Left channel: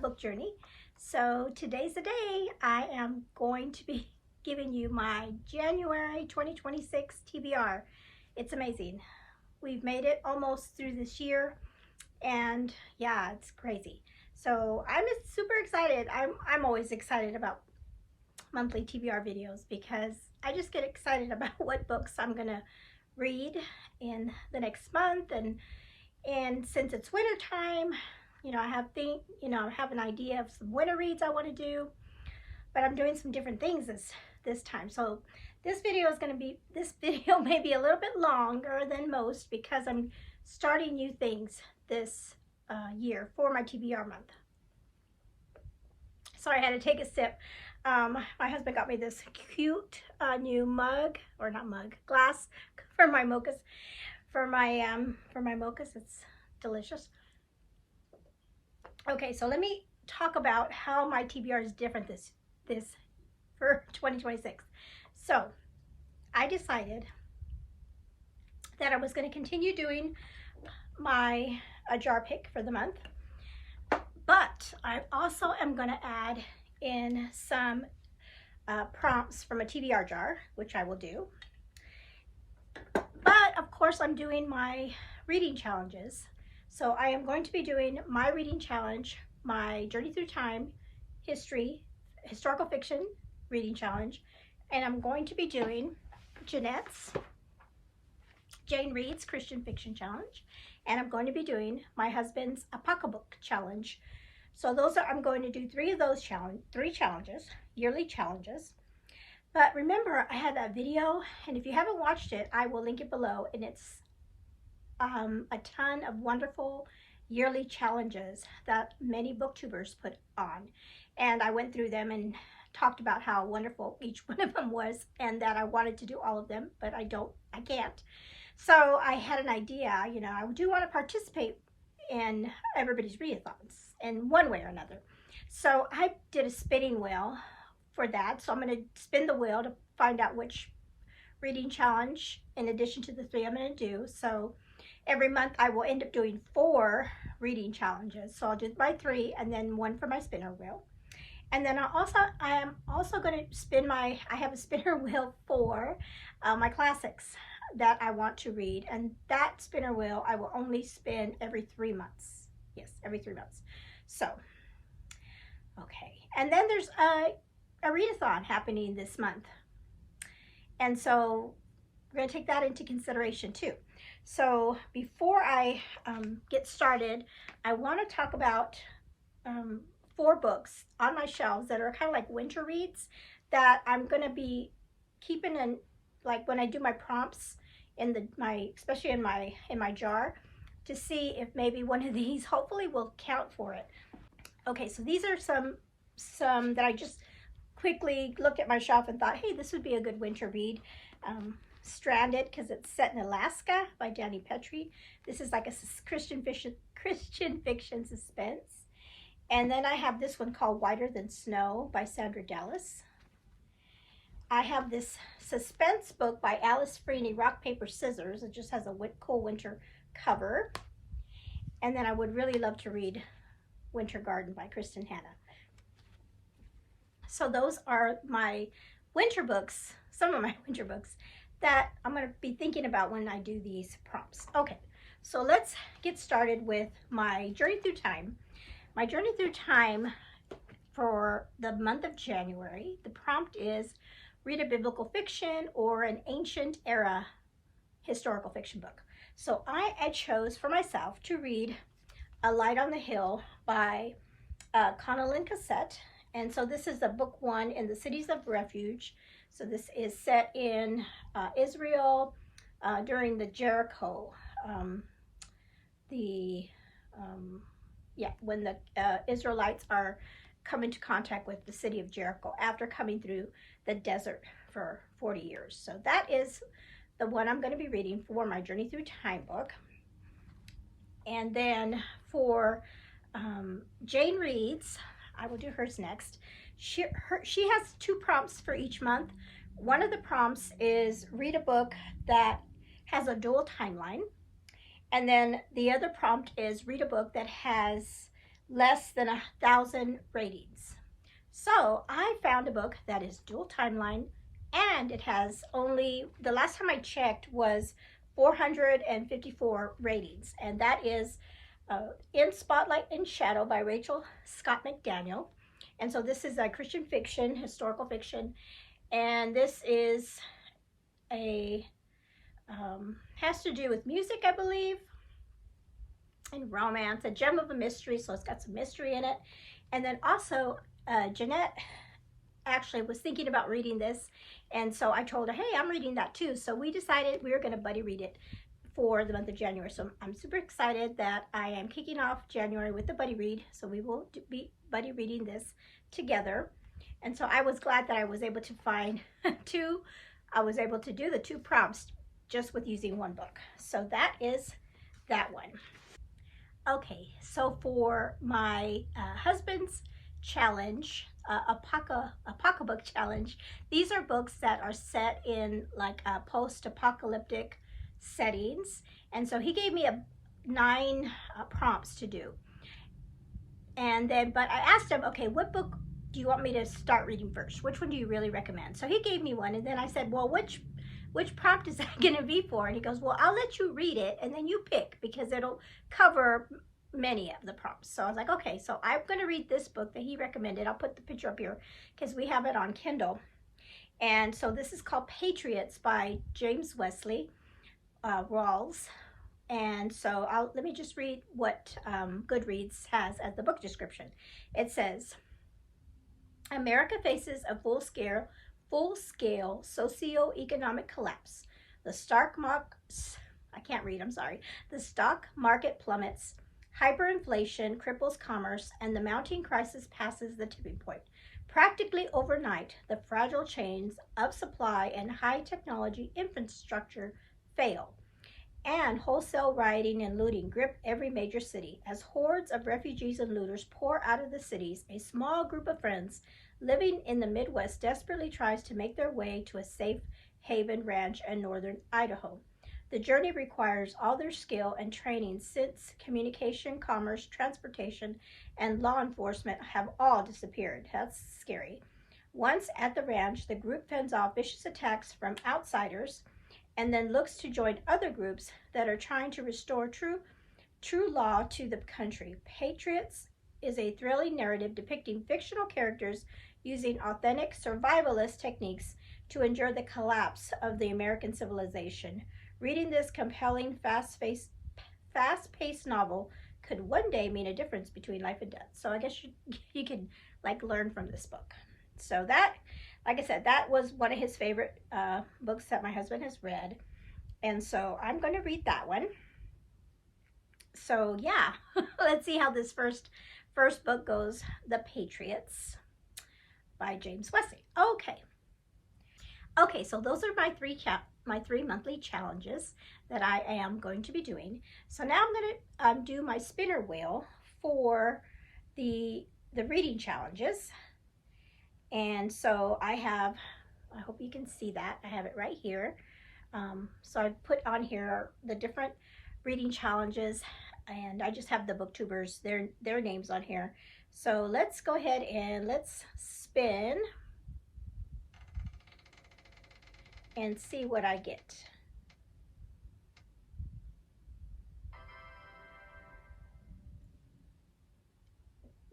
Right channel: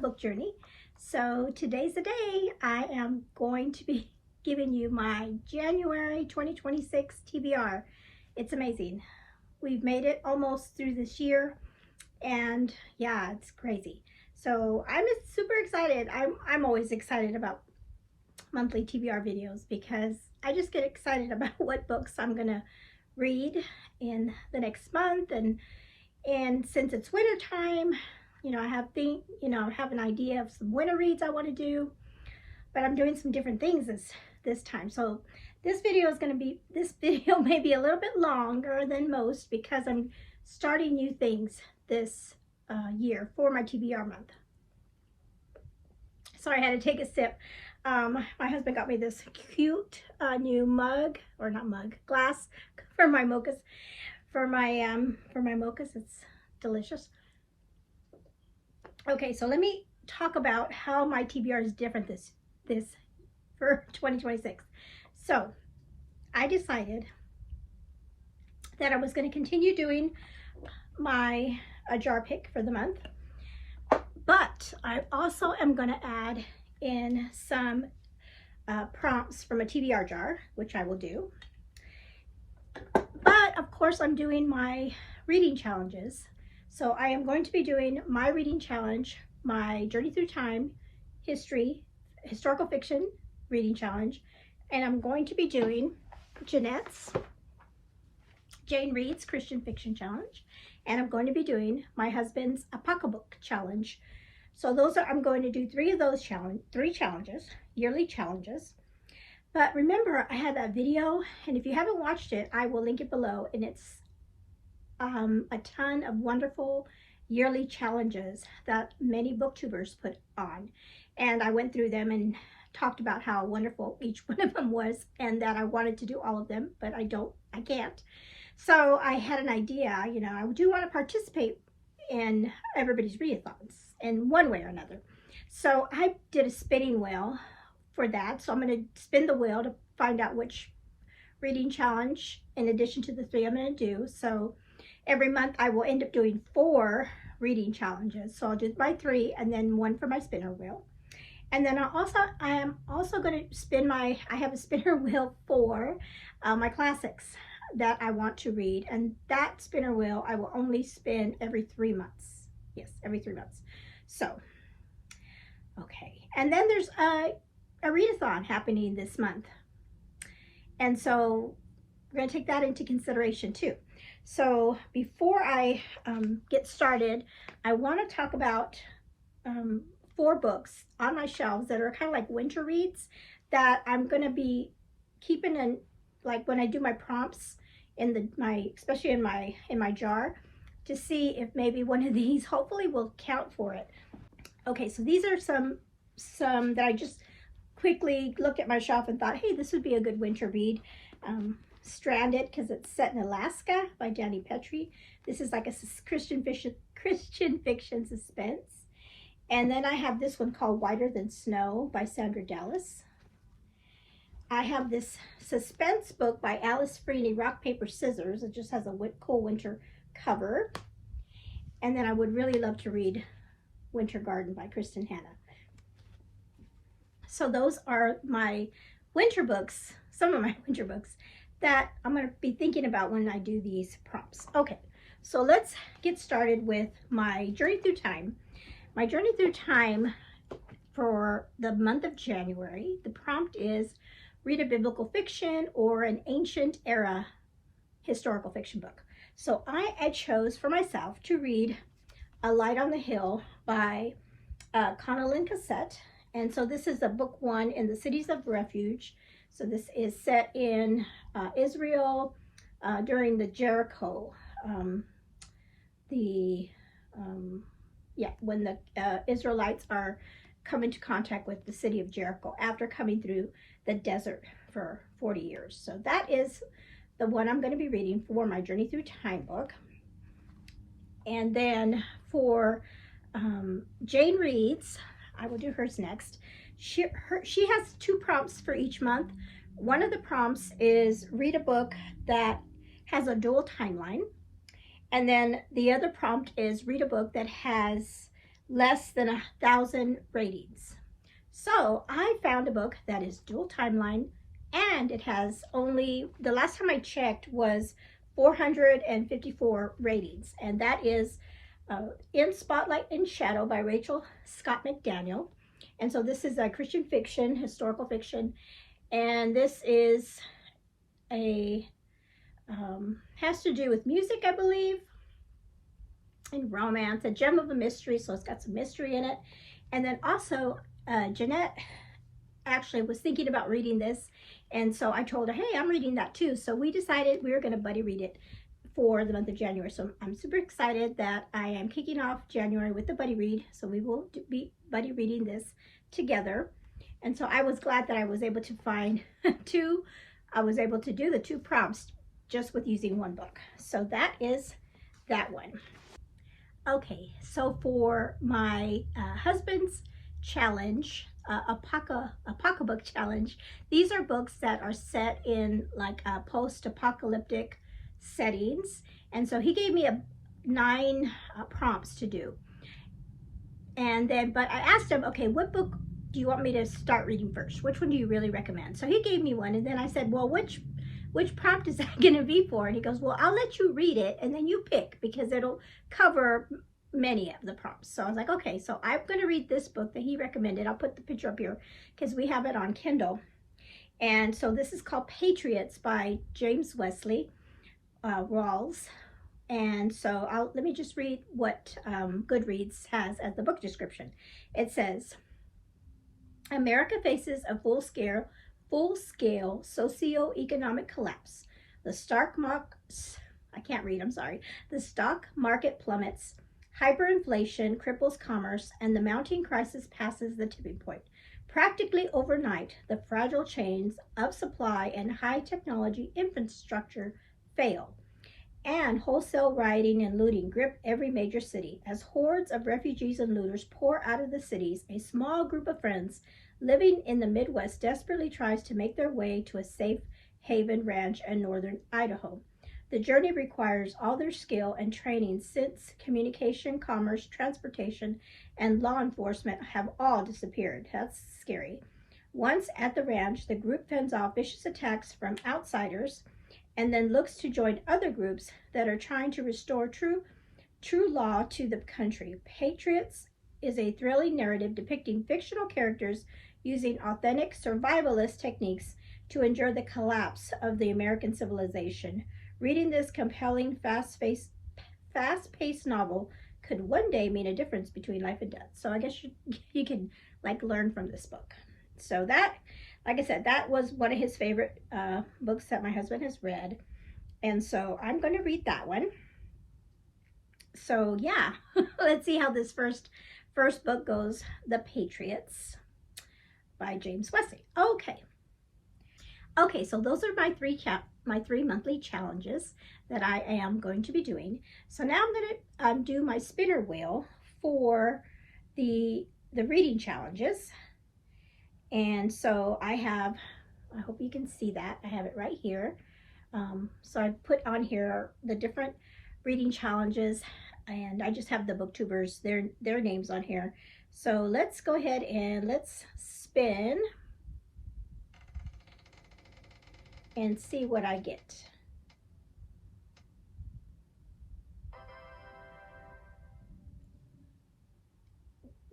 book journey. So today's the day. I am going to be giving you my January 2026 TBR. It's amazing. We've made it almost through this year, and yeah, it's crazy. So I'm super excited. I'm always excited about monthly TBR videos because I just get excited about what books I'm gonna read in the next month, and since it's winter time, you know, I have an idea of some winter reads I want to do, but I'm doing some different things this time. So this video may be a little bit longer than most because I'm starting new things this year for my TBR month. Sorry, I had to take a sip. My husband got me this cute new glass for my mochas. For my mochas, it's delicious. Okay, so let me talk about how my TBR is different this for 2026. So I decided that I was going to continue doing my jar pick for the month, but I also am going to add in some prompts from a TBR jar, which I will do. But of course, I'm doing my reading challenges. So I am going to be doing my reading challenge, my Journey Through Time, historical fiction reading challenge, and I'm going to be doing Jeanette's Jane Reads Christian Fiction Challenge, and I'm going to be doing my husband's Apocalypse Challenge. So I'm going to do three challenges, yearly challenges. But remember, I had that video, and if you haven't watched it, I will link it below, and it's a ton of wonderful yearly challenges that many booktubers put on. And I went through them and talked about how wonderful each one of them was, and that I wanted to do all of them, but I can't. So I had an idea, you know, I do want to participate in everybody's readathons in one way or another. So I did a spinning wheel for that. So I'm going to spin the wheel to find out which reading challenge, in addition to the 3 I'm going to do. So every month I will end up doing 4 reading challenges. So I'll do my 3 and then 1 for my spinner wheel. And then I am also going to spin I have a spinner wheel for my classics that I want to read. And that spinner wheel I will only spin every 3 months. Yes, every 3 months. So, okay. And then there's a readathon happening this month. And so we're going to take that into consideration too. So before I get started, I want to talk about 4 books on my shelves that are kind of like winter reads that I'm going to be keeping in, like when I do my prompts especially in my jar, to see if maybe one of these hopefully will count for it. Okay, so these are some that I just quickly looked at my shelf and thought, hey, this would be a good winter read. Stranded, because it's set in Alaska, by Danny Petrie. This is like a Christian fiction suspense. And then I have this one called Whiter Than Snow by Sandra Dallas. I have this suspense book by Alice Freeney, Rock, Paper, Scissors. It just has a cool winter cover. And then I would really love to read Winter Garden by Kristen Hanna. So those are my winter books, some of my winter books that I'm going to be thinking about when I do these prompts. Okay, so let's get started with my Journey Through Time. My Journey Through Time for the month of January, the prompt is read a biblical fiction or an ancient era historical fiction book. So I chose for myself to read A Light on the Hill by Connellan Cassette. And so this is the book 1 in the Cities of Refuge. So this is set in Israel during the Jericho, when the Israelites are come into contact with the city of Jericho after coming through the desert for 40 years. So that is the one I'm going to be reading for my Journey Through Time book. And then for Jane Reads, I will do hers next. She has 2 prompts for each month. One of the prompts is read a book that has a dual timeline. And then the other prompt is read a book that has less than 1,000 ratings. So I found a book that is dual timeline, and it has only, the last time I checked, was 454 ratings, and that is In Spotlight and Shadow by Rachel Scott McDaniel. And so this is a Christian fiction, historical fiction, and this is a has to do with music, I believe, and romance, a gem of a mystery, so it's got some mystery in it. And then also Jeanette actually was thinking about reading this, and so I told her, hey, I'm reading that too. So we decided we were going to buddy read it for the month of January. So I'm super excited that I am kicking off January with the buddy read. So we will be buddy reading this together. And so I was glad that I was able to find I was able to do the 2 prompts just with using one book. So that is that one. Okay, so for my husband's challenge, Apocabook challenge, these are books that are set in like post-apocalyptic settings. And so he gave me 9 prompts to do. And then, but I asked him, okay, what book do you want me to start reading first? Which one do you really recommend? So he gave me one, and then I said, well, which prompt is that going to be for? And he goes, well, I'll let you read it, and then you pick, because it'll cover many of the prompts. So I was like, okay, so I'm going to read this book that he recommended. I'll put the picture up here because we have it on Kindle. And so this is called Patriots by James Wesley Rawls. And so let me just read what Goodreads has as the book description. It says, America faces a full-scale socio-economic collapse. The stock market plummets, hyperinflation cripples commerce, and the mounting crisis passes the tipping point. Practically overnight, the fragile chains of supply and high technology infrastructure fail, and wholesale rioting and looting grip every major city. As hordes of refugees and looters pour out of the cities, a small group of friends living in the Midwest desperately tries to make their way to a safe haven ranch in northern Idaho. The journey requires all their skill and training, since communication, commerce, transportation, and law enforcement have all disappeared. That's scary. Once at the ranch, the group fends off vicious attacks from outsiders, and then looks to join other groups that are trying to restore true law to the country. Patriots is a thrilling narrative depicting fictional characters using authentic survivalist techniques to endure the collapse of the American civilization. Reading this compelling, fast-paced novel could one day mean a difference between life and death. So I guess you can like learn from this book. So that, like I said, that was one of his favorite books that my husband has read. And so I'm going to read that one. So yeah, let's see how this first book goes. The Patriots by James Wesley. Okay, so those are my three monthly challenges that I am going to be doing. So now I'm going to do my spinner wheel for the reading challenges. And so I hope you can see that. I have it right here. So I put on here the different reading challenges, and I just have the booktubers, their names on here. So let's go ahead and let's spin and see what I get.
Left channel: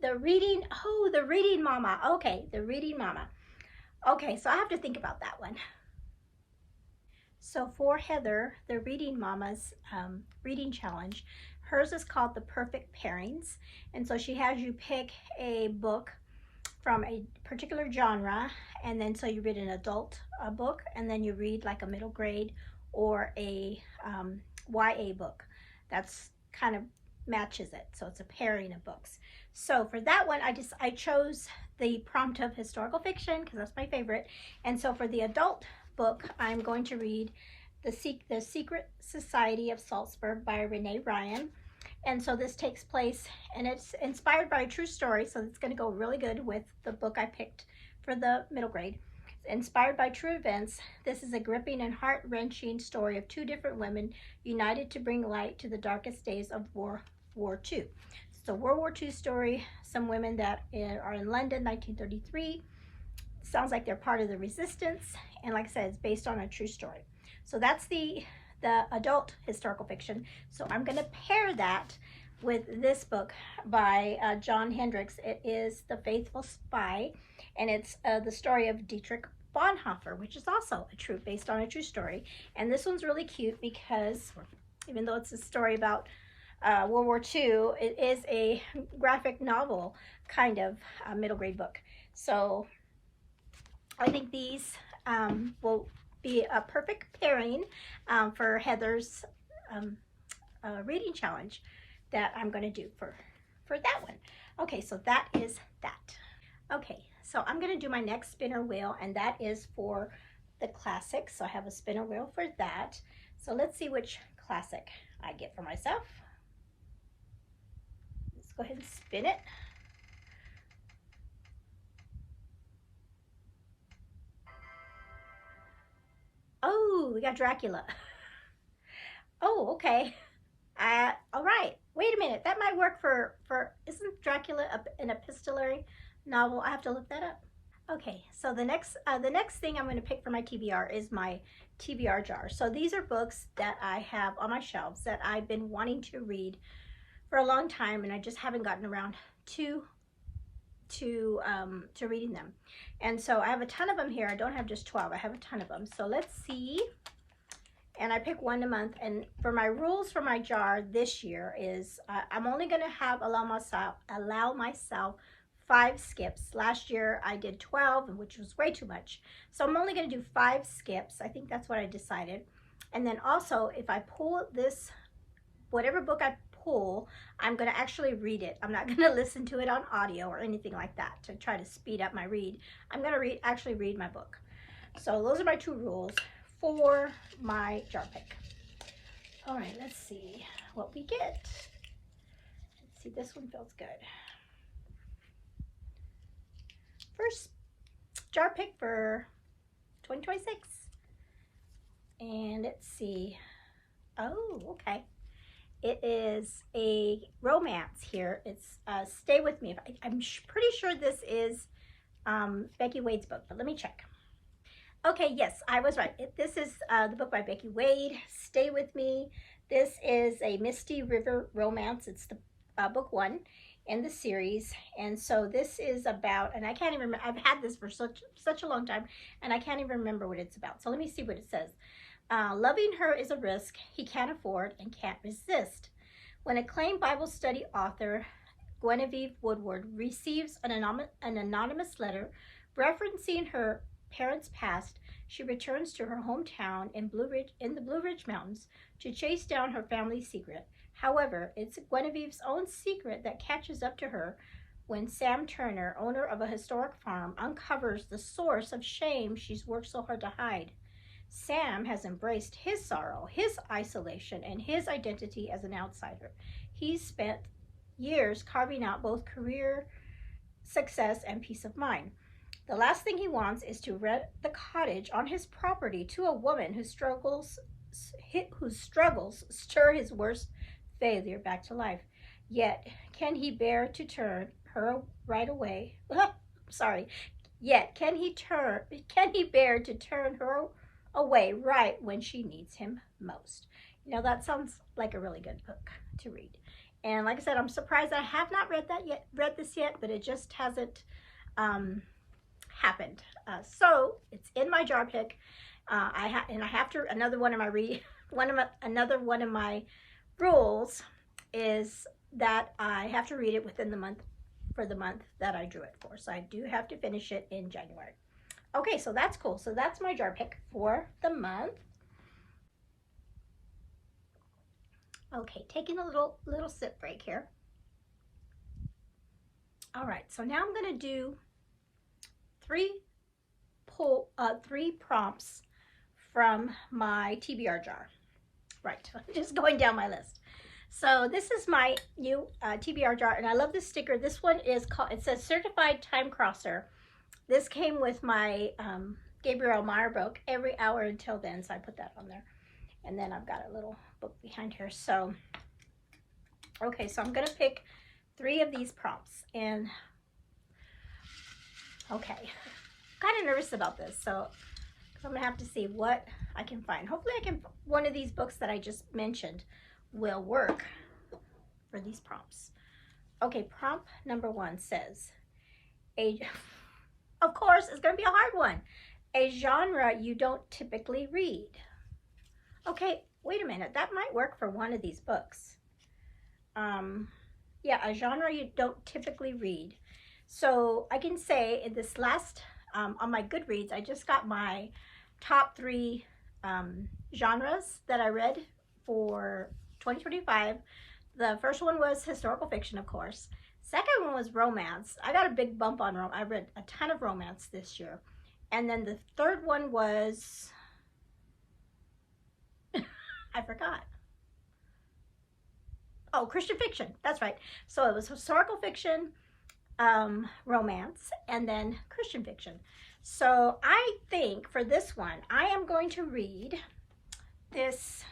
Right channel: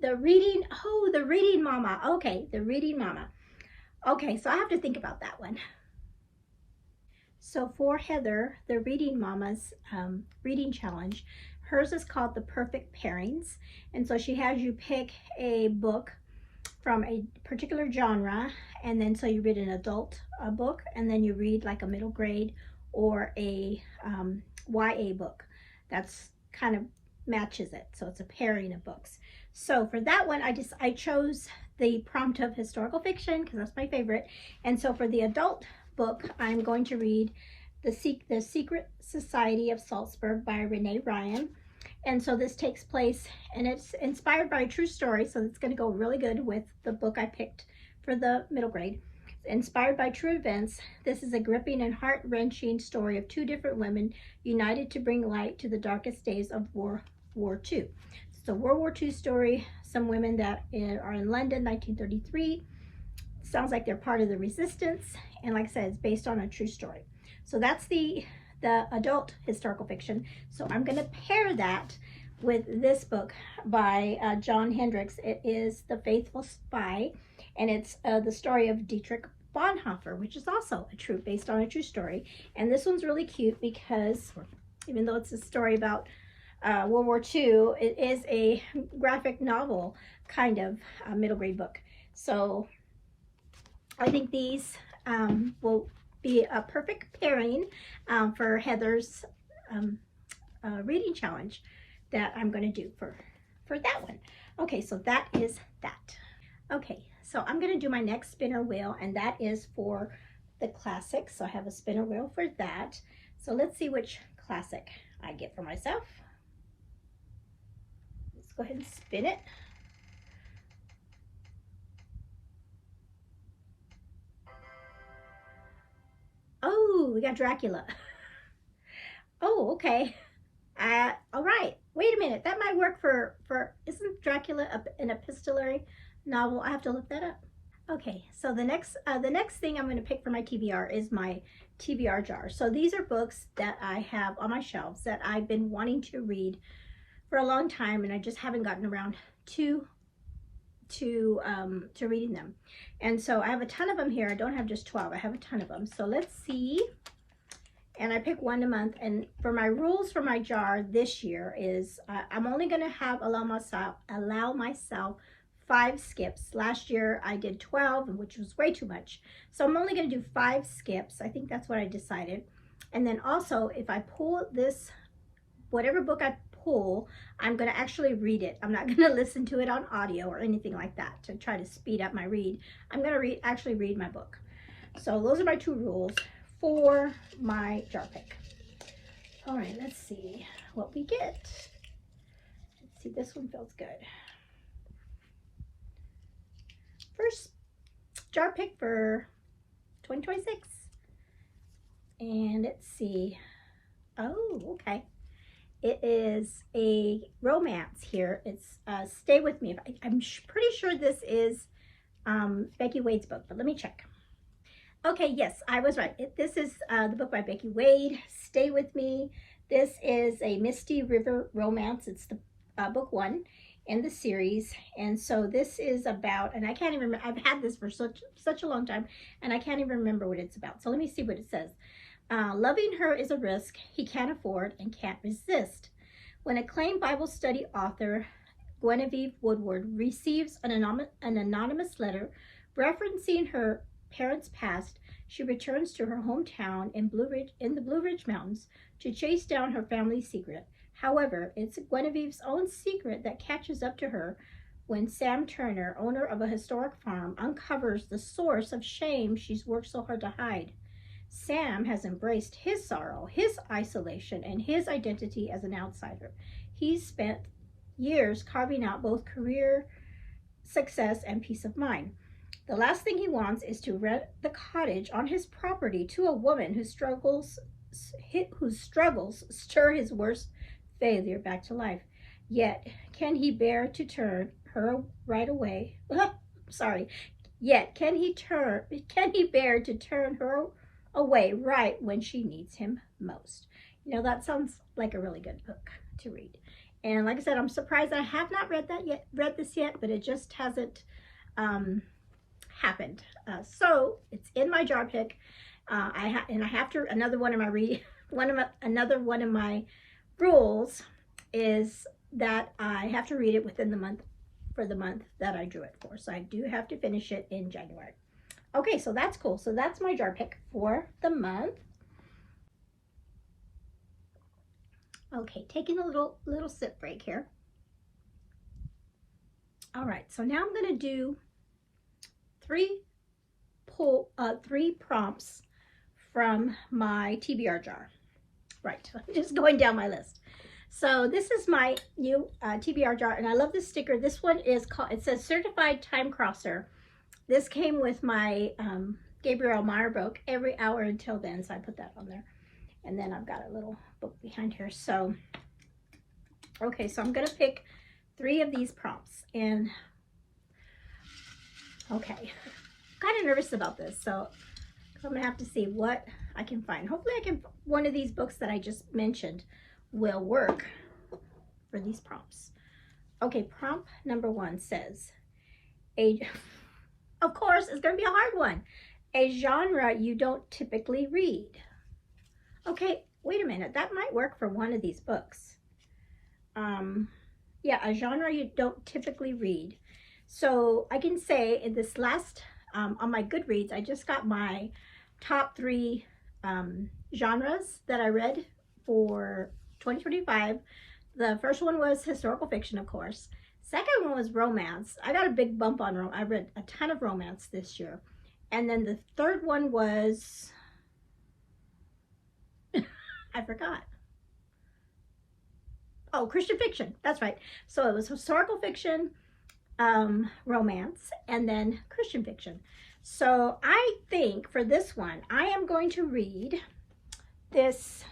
The reading mama. Okay, the reading mama. Okay, so I have to think about that one. So for Heather, the reading mama's reading challenge, hers is called The Perfect Pairings. And so she has you pick a book from a particular genre, and then so you read an adult book, and then you read like a middle grade or a YA book. That's kind of matches it. So it's a pairing of books. So for that one, I chose the prompt of historical fiction because that's my favorite. And so for the adult book, I'm going to read The Secret Society of Salzburg by Renee Ryan. And so this takes place, and it's inspired by a true story, so it's going to go really good with the book I picked for the middle grade. It's inspired by true events. This is a gripping and heart-wrenching story of two different women united to bring light to the darkest days of World War II. It's a World War II story. Some women that are in London, 1933. Sounds like they're part of the resistance. And like I said, it's based on a true story. So that's the adult historical fiction. So I'm going to pair that with this book by John Hendricks. It is The Faithful Spy, and it's the story of Dietrich Bonhoeffer, which is also based on a true story. And this one's really cute because even though it's a story about World War II, it is a graphic novel kind of middle grade book. So I think these will be a perfect pairing for Heather's reading challenge that I'm going to do for that one. Okay, so that is that. Okay, so I'm going to do my next spinner wheel, and that is for the classic. So I have a spinner wheel for that. So let's see which classic I get for myself. Let's go ahead and spin it. Oh, we got Dracula. Oh, okay. All right. Wait a minute. That might work for isn't Dracula an epistolary novel? I have to look that up. Okay. So the next thing I'm going to pick for my TBR is my TBR jar. So these are books that I have on my shelves that I've been wanting to read for a long time, and I just haven't gotten around to reading them. And so I have a ton of them here. I don't have just 12. I have a ton of them. So let's see. And I pick one a month. And for my rules for my jar this year is I'm only going to allow myself 5 skips. Last year I did 12, which was way too much. So I'm only going to do 5 skips. I think that's what I decided. And then also, if I pull this, whatever book I pull, I'm going to actually read it. I'm not going to listen to it on audio or anything like that to try to speed up my read. I'm going to actually read my book. So those are my 2 rules for my jar pick. All right, let's see what we get. Let's see, this one feels good. First jar pick for 2026. And let's see. Oh, okay. It is a romance here. It's Stay With Me. I'm pretty sure this is Becky Wade's book, but let me check. Okay, yes, I was right. This is the book by Becky Wade, Stay With Me. This is a Misty River romance. It's the book 1 in the series. And so this is about, and I can't even remember, I've had this for such a long time, and I can't even remember what it's about. So let me see what it says. Loving her is a risk he can't afford and can't resist. When acclaimed Bible study author Genevieve Woodward receives an anonymous letter referencing her parents' past, she returns to her hometown in the Blue Ridge Mountains to chase down her family's secret. However, it's Genevieve's own secret that catches up to her when Sam Turner, owner of a historic farm, uncovers the source of shame she's worked so hard to hide. Sam has embraced his sorrow, his isolation, and his identity as an outsider. He's spent years carving out both career success and peace of mind. The last thing he wants is to rent the cottage on his property to a woman whose struggles stir his worst failure back to life. Yet, can he bear to turn her right away? Yet, can he bear to turn her away right when she needs him most? You know, that sounds like a really good book to read. And like I said, I'm surprised I have not read this yet, but it just hasn't happened. So it's in my jar pick. Another one of my rules is that I have to read it within the month, for the month that I drew it for. So I do have to finish it in January. Okay, so that's cool. So that's my jar pick for the month. Okay, taking a little sip break here. All right, so now I'm going to do 3 prompts from my TBR jar. Right, just going down my list. So this is my new TBR jar, and I love this sticker. This one is called, it says Certified Time Crosser. This came with my Gabrielle Meyer book, Every Hour Until Then, so I put that on there. And then I've got a little book behind here. So, okay, so I'm going to pick 3 of these prompts. And okay, kind of nervous about this, so I'm gonna have to see what I can find. Hopefully I can, one of these books that I just mentioned will work for these prompts. Okay, prompt number 1 says, of course, it's gonna be a hard one. A genre you don't typically read. Okay, wait a minute, that might work for one of these books. Yeah, a genre you don't typically read. So I can say in this last, on my Goodreads, I just got my top 3 genres that I read for 2025. The first one was historical fiction, of course. Second one was romance. I got a big bump on romance. I read a ton of romance this year. And then the third one was, I forgot. Oh, Christian fiction. That's right. So it was historical fiction, romance, and then Christian fiction. So I think for this one, I am going to read this,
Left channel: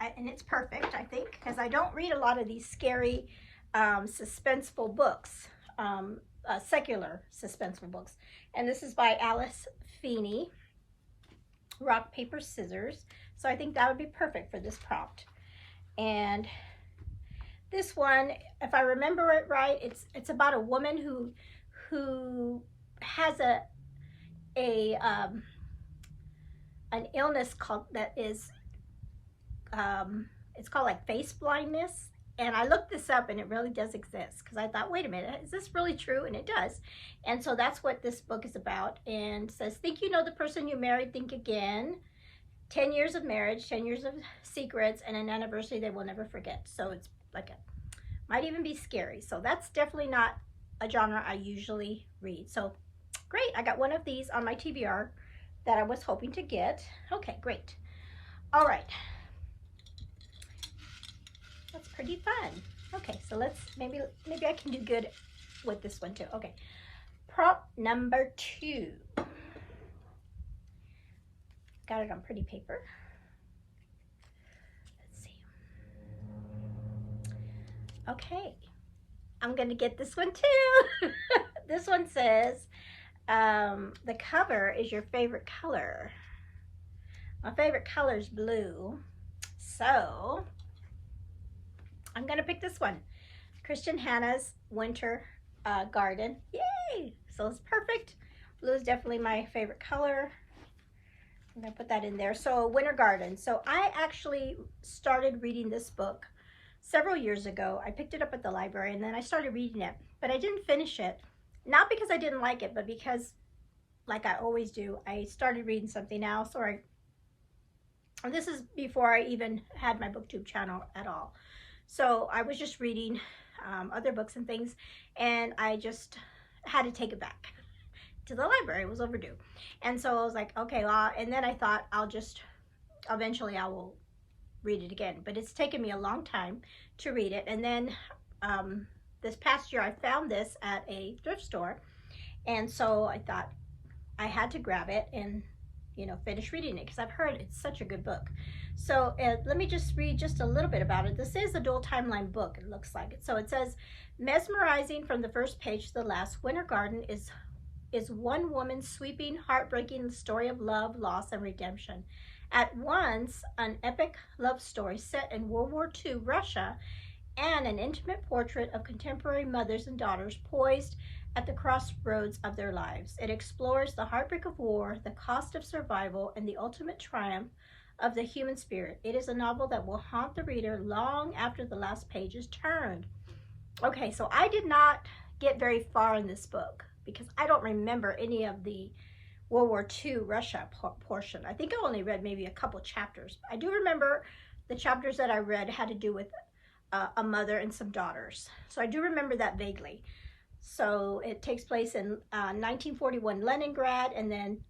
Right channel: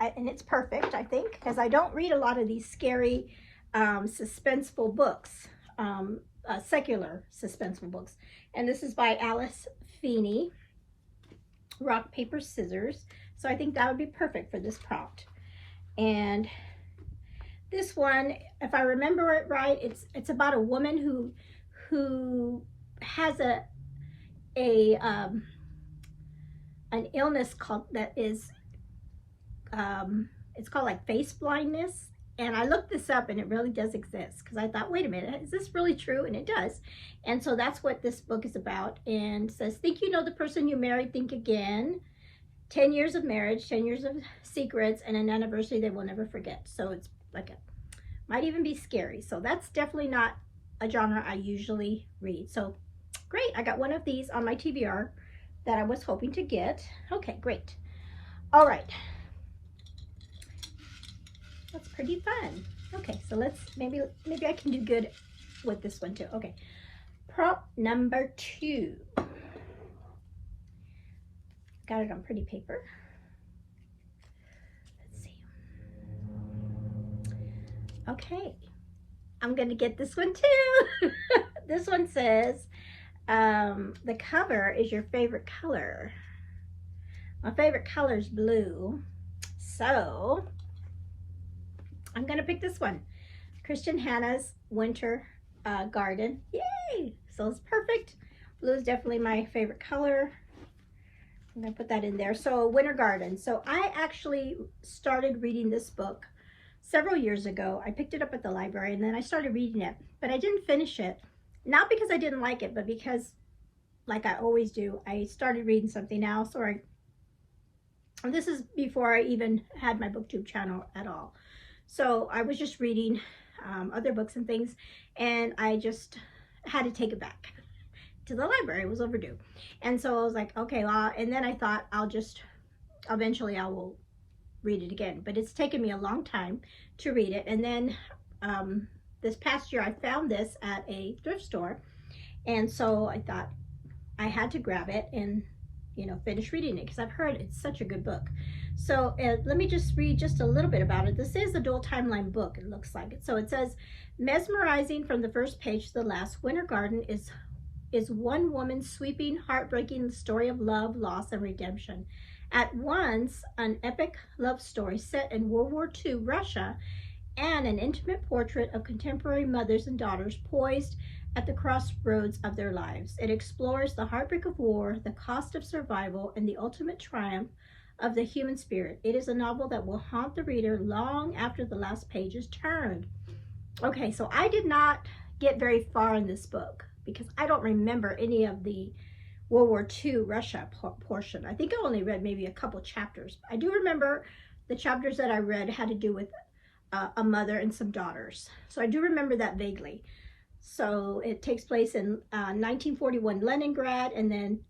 and it's perfect, I think, because I don't read a lot of these scary, suspenseful books, secular suspenseful books. And this is by Alice Feeney, Rock, Paper, Scissors. So I think that would be perfect for this prompt. And this one, if I remember it right, it's about a woman who has an illness called it's called like face blindness. And I looked this up, and it really does exist, because I thought, wait a minute, is this really true? And it does. And so that's what this book is about. And it says, think you know the person you married, think again. 10 years of marriage, 10 years of secrets, and an anniversary they will never forget. So it's like might even be scary. So that's definitely not a genre I usually read. So great, I got one of these on my TBR that I was hoping to get. Okay, great. All right. That's pretty fun. Okay, so let's, maybe I can do good with this one too. Okay, prompt number 2. Got it on pretty paper. Let's see. Okay, I'm gonna get this one too. This one says, the cover is your favorite color. My favorite color is blue. So I'm gonna pick this one. Christian Hannah's Winter Garden. Yay! So it's perfect. Blue is definitely my favorite color. I'm gonna put that in there. So Winter Garden. So I actually started reading this book several years ago. I picked it up at the library, and then I started reading it, but I didn't finish it. Not because I didn't like it, but because, like I always do, I started reading something else, or this is before I even had my BookTube channel at all. So I was just reading other books and things, and I just had to take it back to the library. It was overdue. And so I was like, okay, well, and then I thought eventually I will read it again. But it's taken me a long time to read it. And then this past year I found this at a thrift store. And so I thought I had to grab it and, you know, finish reading it, because I've heard it's such a good book. So let me just read just a little bit about it. This is a dual timeline book, it looks like it. So it says, mesmerizing from the first page to the last, Winter Garden is one woman's sweeping, heartbreaking story of love, loss, and redemption. At once, an epic love story set in World War II Russia, and an intimate portrait of contemporary mothers and daughters poised at the crossroads of their lives. It explores the heartbreak of war, the cost of survival, and the ultimate triumph of the human spirit. It is a novel that will haunt the reader long after the last page is turned. Okay, so I did not get very far in this book, because I don't remember any of the World War II Russia portion. I think I only read maybe a couple chapters. I do remember the chapters that I read had to do with a mother and some daughters. So I do remember that vaguely. So it takes place in 1941 Leningrad, and then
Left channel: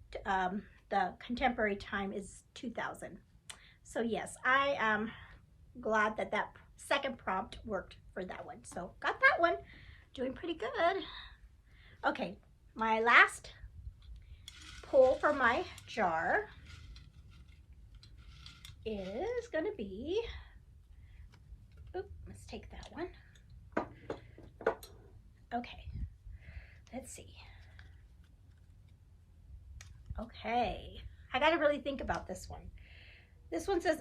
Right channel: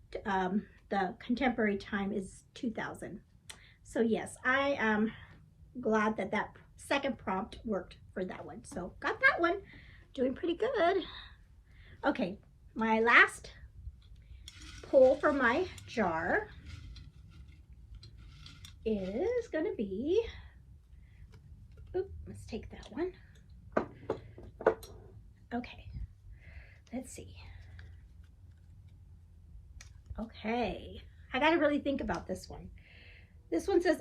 the contemporary time is 2000. So yes, I am glad that that second prompt worked for that one. So got that one, doing pretty good. Okay, my last pull for my jar is going to be, let's take that one. Okay, let's see. Okay, I got to really think about this one. This one says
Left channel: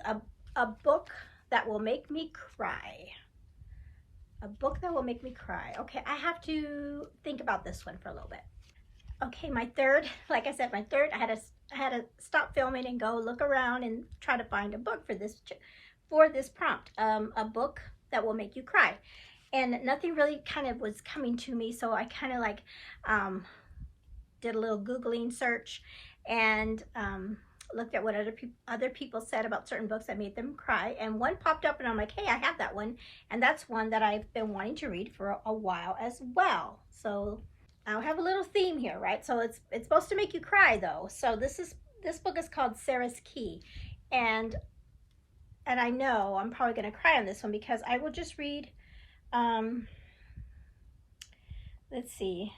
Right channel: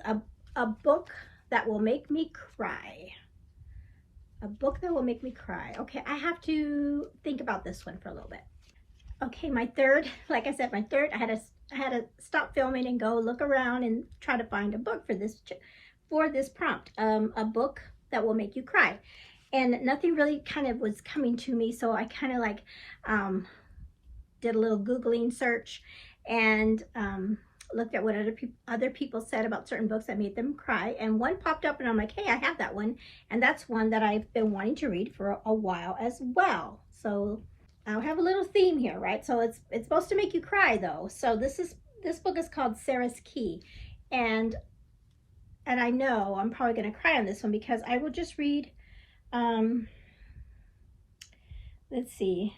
a book that will make me cry. A book that will make me cry. Okay, I have to think about this one for a little bit. Okay, my third, like I said, my third, I had to stop filming and go look around and try to find a book for this prompt. A book that will make you cry. And nothing really kind of was coming to me, so I kind of like did a little Googling search and looked at what other people said about certain books that made them cry, and one popped up and I'm like, hey, I have that one, and that's one that I've been wanting to read for a while as well. So I'll have a little theme here, right? So it's supposed to make you cry though. So this book is called Sarah's Key, and I know I'm probably going to cry on this one because I will just read let's see.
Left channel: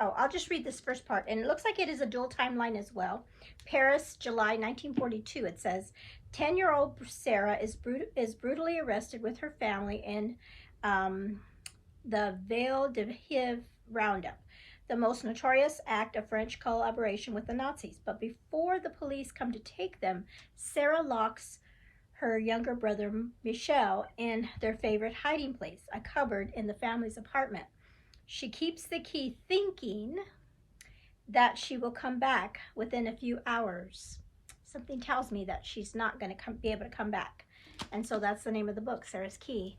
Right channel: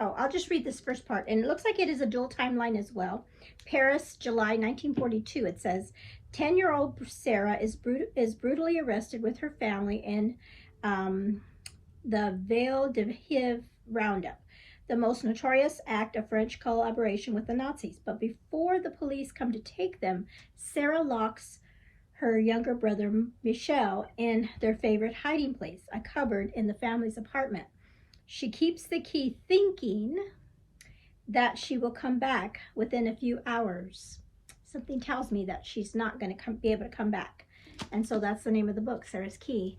Oh, I'll just read this first part. And it looks like it is a dual timeline as well. Paris, July 1942. It says, 10-year-old Sarah is brutally arrested with her family in the Vale de Hiv roundup, the most notorious act of French collaboration with the Nazis. But before the police come to take them, Sarah locks her younger brother Michel in their favorite hiding place, a cupboard in the family's apartment. She keeps the key, thinking that she will come back within a few hours. Something tells me that she's not going to be able to come back. And so that's the name of the book, Sarah's Key.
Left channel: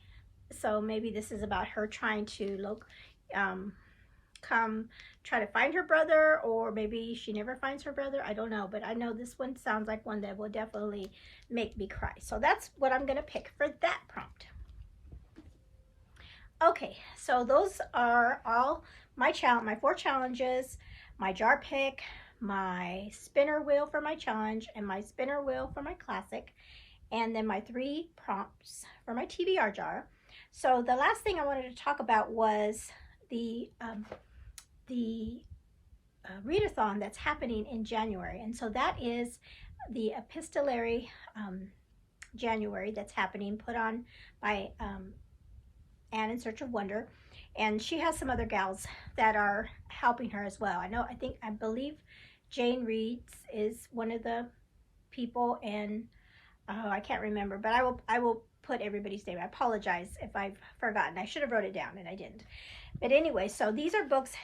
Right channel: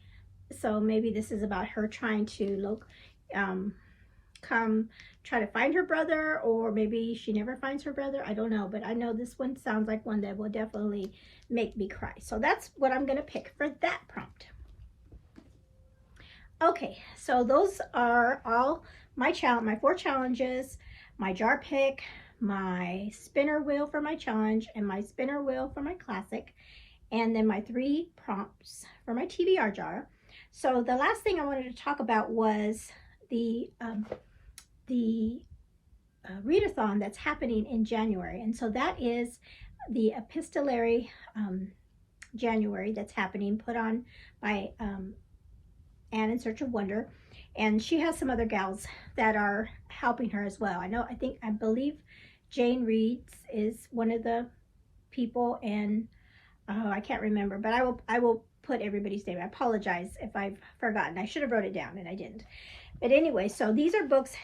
So maybe this is about her trying to try to find her brother, or maybe she never finds her brother. I don't know, but I know this one sounds like one that will definitely make me cry. So that's what I'm going to pick for that prompt. Okay, so those are all my 4 challenges, my jar pick, my spinner wheel for my challenge, and my spinner wheel for my classic, and then my 3 prompts for my TBR jar. So the last thing I wanted to talk about was the readathon that's happening in January. And so that is the Epistolary January that's happening, put on by Anne in Search of Wonder, and she has some other gals that are helping her as well. I believe Jane Reeds is one of the people, and I can't remember, but I will put everybody's name. I apologize if I've forgotten. I should have wrote it down and I didn't. But anyway, so these are books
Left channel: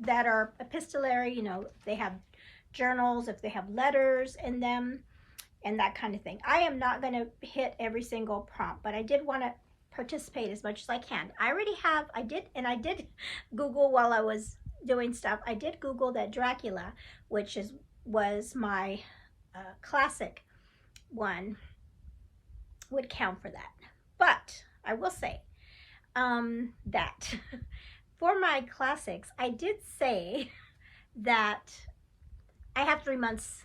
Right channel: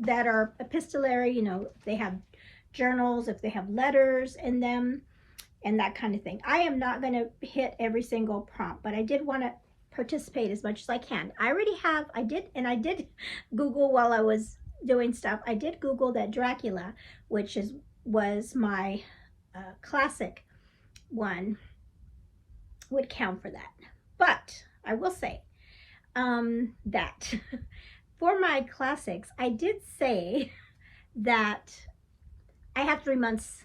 that are epistolary. You know, they have journals, if they have letters in them, and that kind of thing. I am not going to hit every single prompt, but I did want to participate as much as I can. I did Google while I was doing stuff. I did Google that Dracula, which was my classic one, would count for that. But I will say that for my classics, I did say that I have 3 months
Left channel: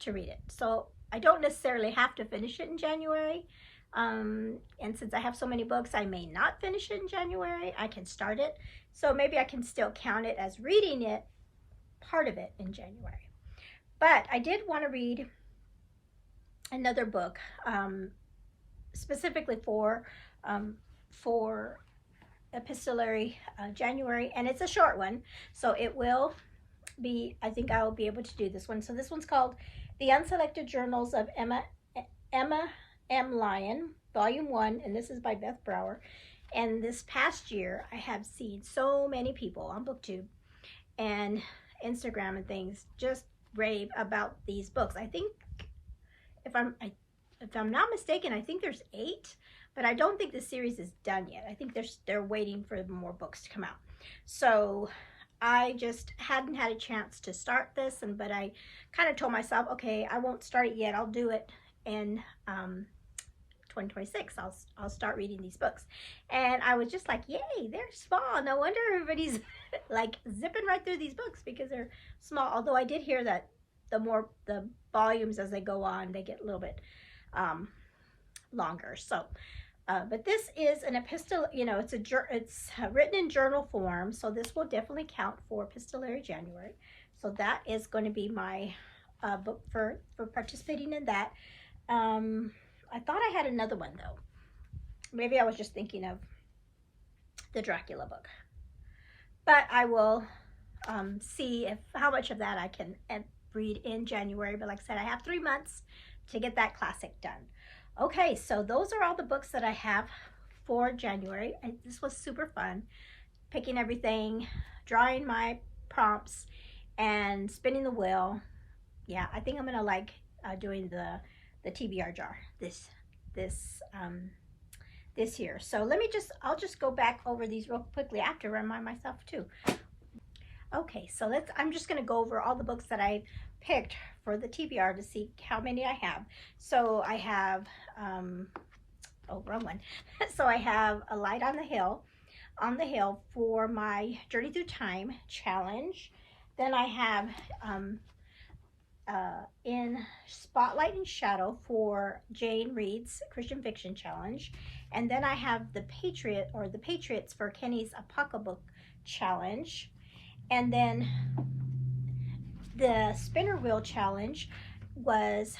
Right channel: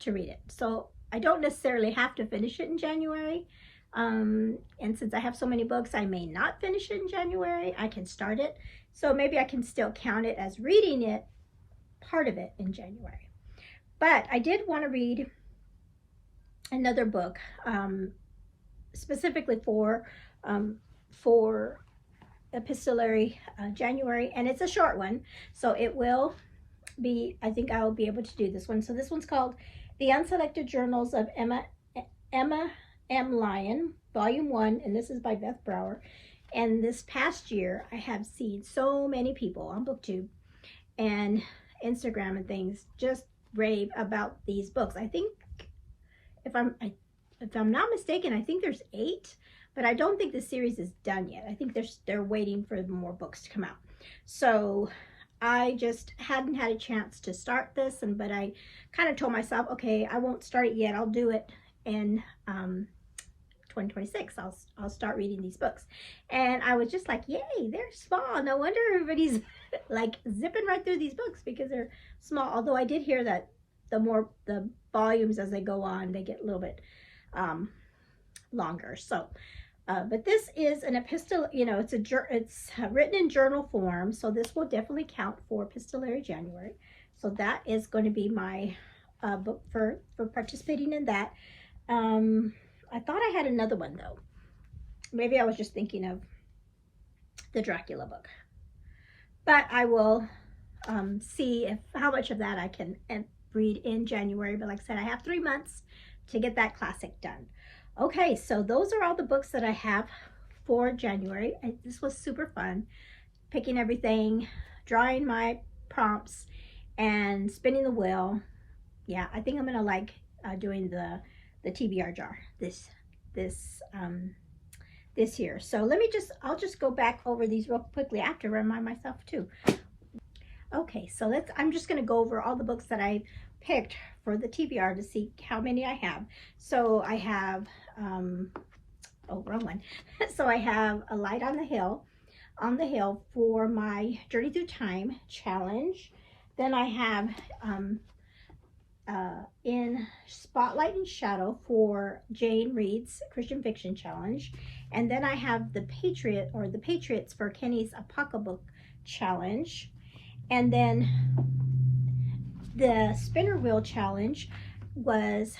to read it. So I don't necessarily have to finish it in January. And since I have so many books, I may not finish it in January. I can start it. So maybe I can still count it as reading it, part of it, in January. But I did want to read another book, specifically for Epistolary January, and it's a short one, so it will be, I think I will be able to do this one. So this one's called The Unselected Journals of Emma M. Lyon, Volume 1, and this is by Beth Brower. And this past year, I have seen so many people on BookTube and Instagram and things just rave about these books. I think, if I'm not mistaken, I think there's 8, but I don't think the series is done yet. I think they're waiting for more books to come out. So I just hadn't had a chance to start this, but I kind of told myself, okay, I won't start it yet. I'll do it in 2026. I'll start reading these books. And I was just like, yay, they're small. No wonder everybody's like zipping right through these books, because they're small. Although I did hear that the volumes as they go on, they get a little bit longer. So but this is an epistle, it's written in journal form, so this will definitely count for Epistolary January. So that is going to be my book for participating in that. I thought I had another one though. Maybe I was just thinking of the Dracula book. But I will see how much of that I can read in January. But like I said, I have 3 months to get that classic done. Okay, so those are all the books that I have for January. This was super fun, picking everything, drawing my prompts, and spinning the wheel. Yeah, I think I'm gonna like doing the TBR jar this year. So I'll just go back over these real quickly. I have to remind myself too. Okay, so I'm just gonna go over all the books that I picked for the TBR to see how many I have. So I have, oh, wrong one. So I have A Light on the Hill for my Journey Through Time challenge. Then I have In Spotlight and Shadow for Jane Reed's Christian Fiction Challenge. And then I have The Patriots for Kenny's Apocalypse Challenge. And then the Spinner Wheel Challenge was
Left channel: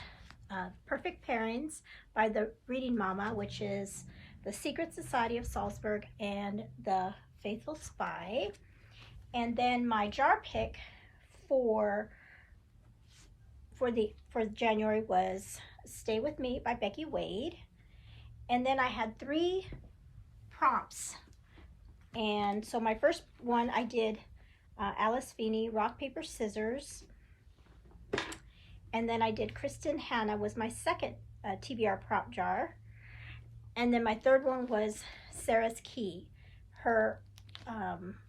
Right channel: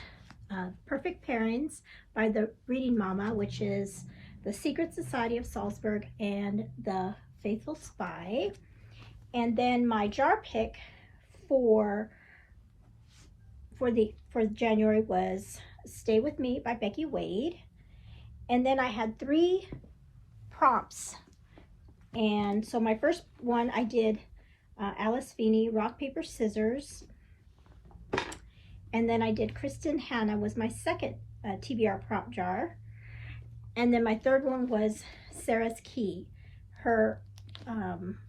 Perfect Pairings by the Reading Mama, which is The Secret Society of Salzburg and The Faithful Spy. And then my jar pick for January was Stay With Me by Becky Wade. And then I had 3 prompts. And so my first one I did Alice Feeney, Rock, Paper, Scissors. And then I did Kristen Hanna was my second TBR prompt jar. And then my third one was Sarah's Key, her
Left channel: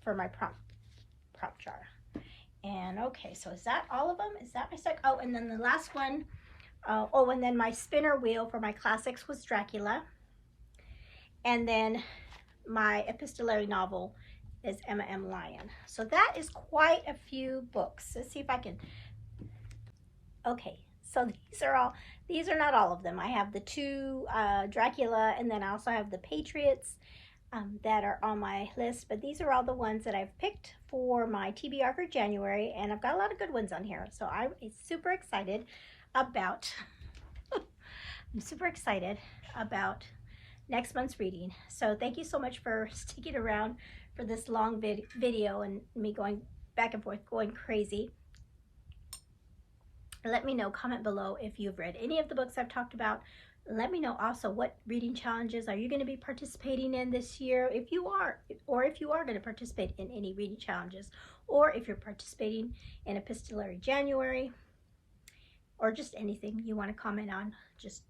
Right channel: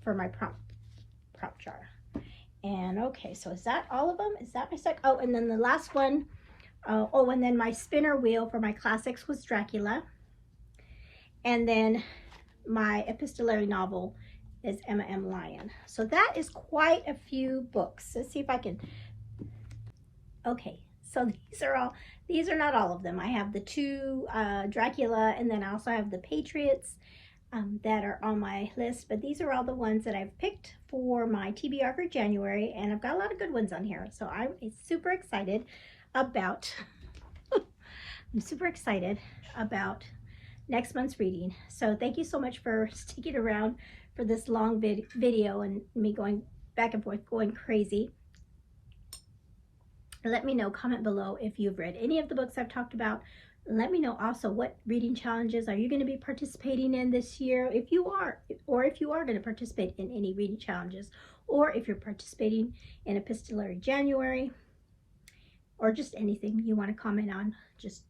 for my prompt jar. And okay, so is that all of them? Is that my second? Oh, and then the last one, and then my spinner wheel for my classics was Dracula. And then my epistolary novel is Emma M. Lyon. So that is quite a few books. Let's see if I can. Okay, so these are not all of them. I have the 2 Dracula, and then I also have the Patriots that are on my list, but these are all the ones that I've picked for my TBR for January, and I've got a lot of good ones on here. So I'm super excited about next month's reading. So thank you so much for sticking around for this long video and me going back and forth, going crazy. Let me know, comment below if you've read any of the books I've talked about. Let me know also what reading challenges are you going to be participating in this year, if you are, or if you are going to participate in any reading challenges, or if you're participating in Epistolary January, or just anything you want to comment on. Just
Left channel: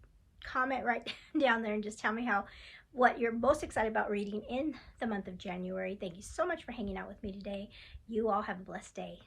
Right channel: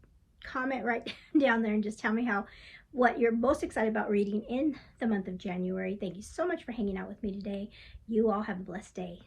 comment right down there and just tell me what you're most excited about reading in the month of January. Thank you so much for hanging out with me today. You all have a blessed day.